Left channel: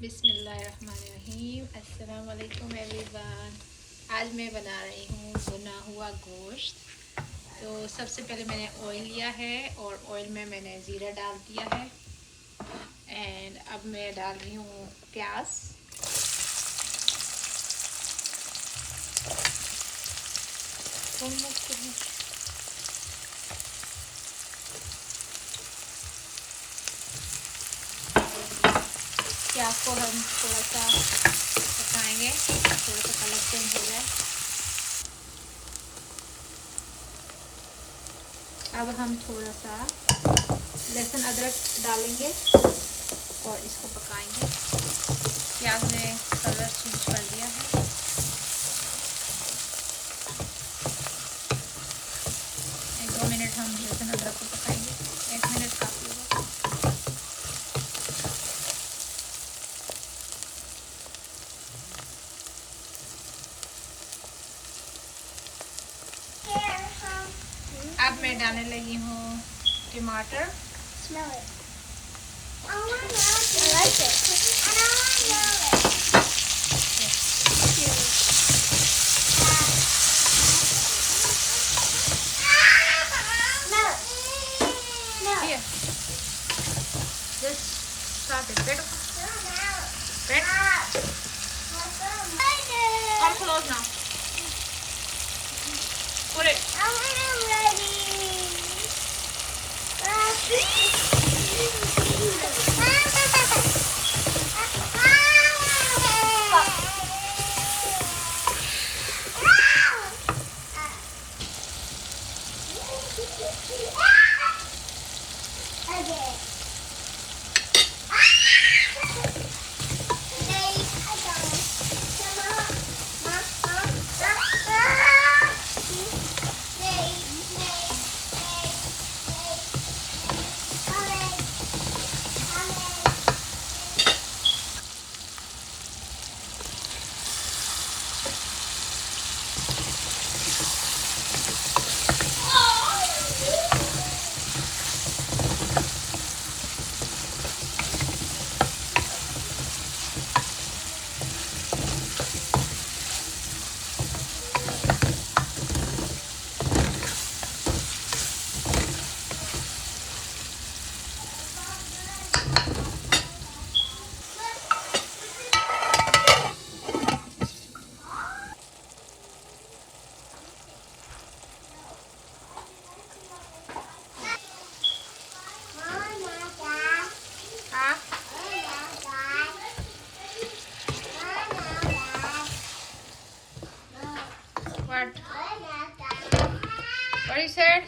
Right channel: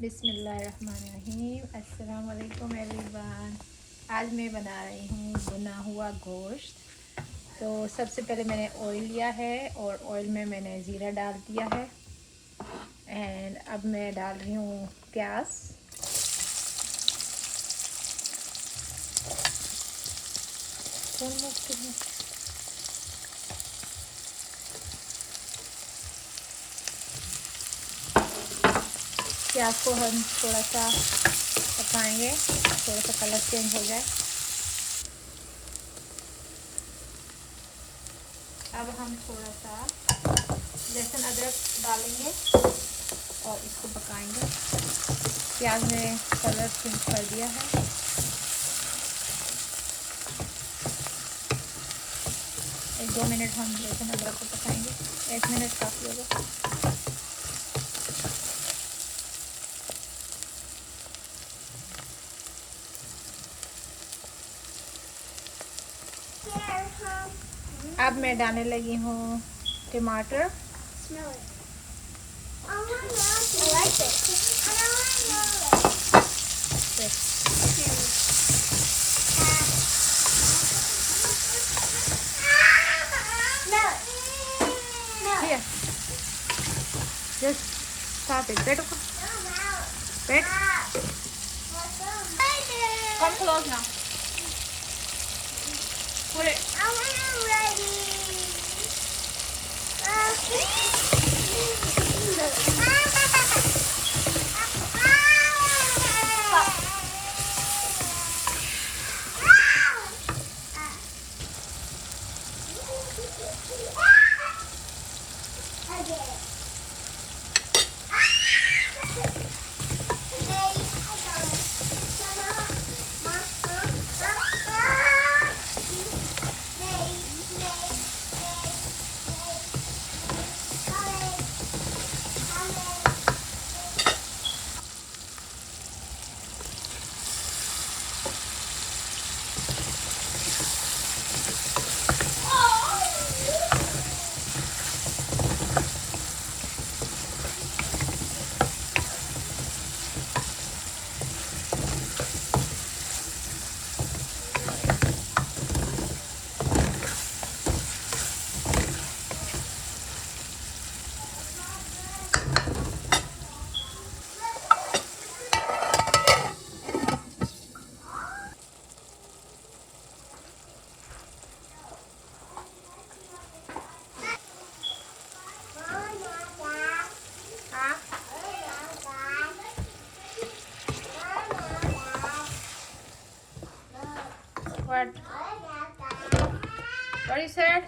बिस्मिल्लाहिर्रहमानिर्रहीम। अस्सलाम वालेकुम एवरीवन। आज मैं बना रही हूँ भुना हुआ गोश्त। तो सबसे पहले मैंने ऑयल लिया है और ऑयल में मैंने ज़ीरा डाल दिया है। एंड अब मैं डाल रही हूँ प्याज। प्याज को हम थोड़ा सा पकाएंगे, थोड़ा सा कलर चेंज हो जाए। अब हम थोड़ा सा लहसुन अदरक डालेंगे और इसको पकाएंगे। प्याज ने कलर चेंज कर दिया है। एक 2 मिनट हम लहसुन अदरक को पकाएंगे। 1 मिनट काफ़ी होगा। अब मैं डालने लगी हूँ टमाटर। Come close now. Put it. What? What you said?